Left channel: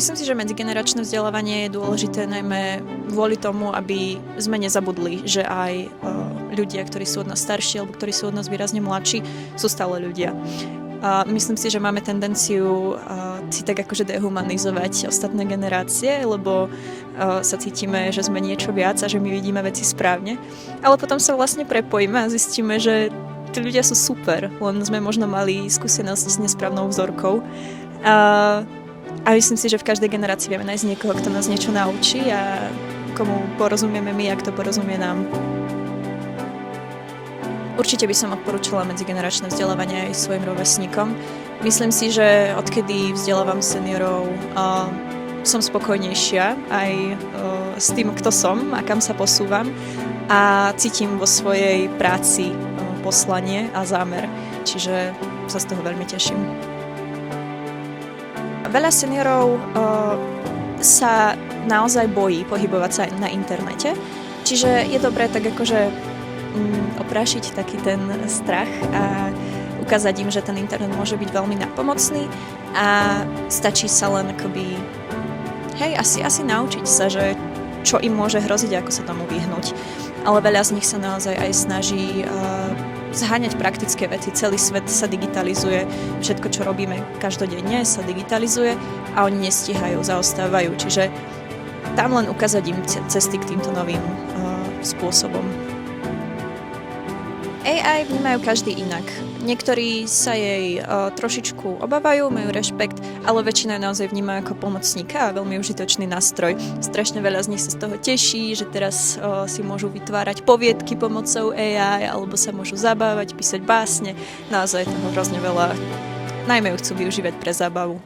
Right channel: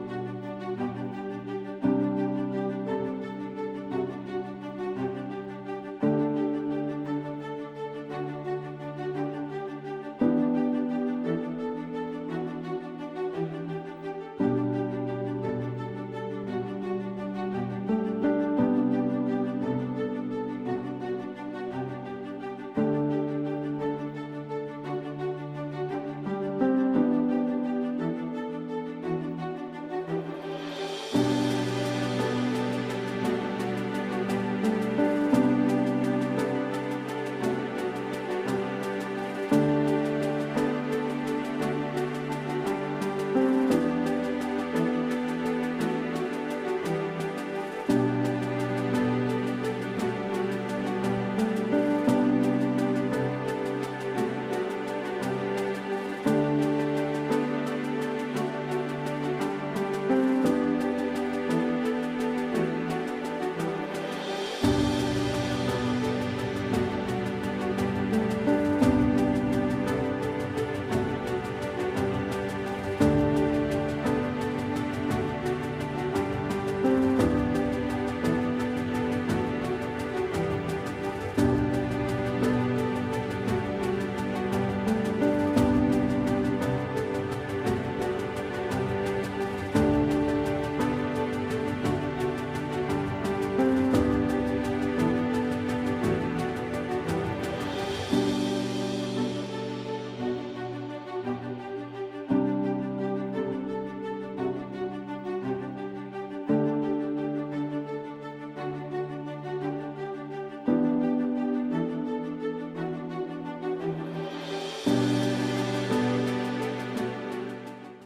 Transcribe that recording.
Myslím si, že medzigeneračné vzdelávanie je dôležité najmä kvôli tomu, aby sme nezabudli, že aj ľudia, ktorí sú od nás starší alebo ktorí sú od nás výrazne mladší, sú stále ľudia. Myslím si, že máme tendenciu si tak akože dehumanizovať ostatné generácie, lebo sa cítime, že sme niečo viac a že my vidíme veci správne. Ale potom sa vlastne prepojíme a zistíme, že tí ľudia sú super, len sme možno mali skúsenosť s nesprávnou vzorkou. A myslím si, že v každej generácii vieme nájsť niekoho, kto nás niečo naučí a komu porozumieme my a kto porozumie nám. Určite by som odporúčala medzigeneračné vzdelávanie aj svojim rovesníkom. Myslím si, že odkedy vzdelávam seniorov, som spokojnejšia aj s tým, kto som a kam sa posúvam a cítim vo svojej práci poslanie a zámer, čiže sa z toho veľmi teším. Veľa seniorov sa naozaj bojí pohybovať sa na internete, čiže je dobré tak akože oprášiť taký ten strach a ukázať im, že ten internet môže byť veľmi napomocný a stačí sa len akoby asi naučiť sa, že čo im môže hroziť, ako sa tomu vyhnúť. Ale veľa z nich sa naozaj aj snaží zháňať praktické veci. Celý svet sa digitalizuje, všetko, čo robíme každodenne, sa digitalizuje a oni nestíhajú, zaostávajú. Čiže tam len ukázať im cesty k týmto novým spôsobom. AI vnímajú každý inak. Niektorí sa jej trošičku obávajú, majú rešpekt, ale väčšina ju naozaj vníma ako pomocníka a veľmi užitočný nástroj. Strašne veľa z nich sa z toho teší, že teraz si môžu vytvárať poviedky pomocou AI, alebo sa môžu zabávať, písať básne. Naozaj toho hrozne veľa. Najmä ju chcú využívať pre zábavu.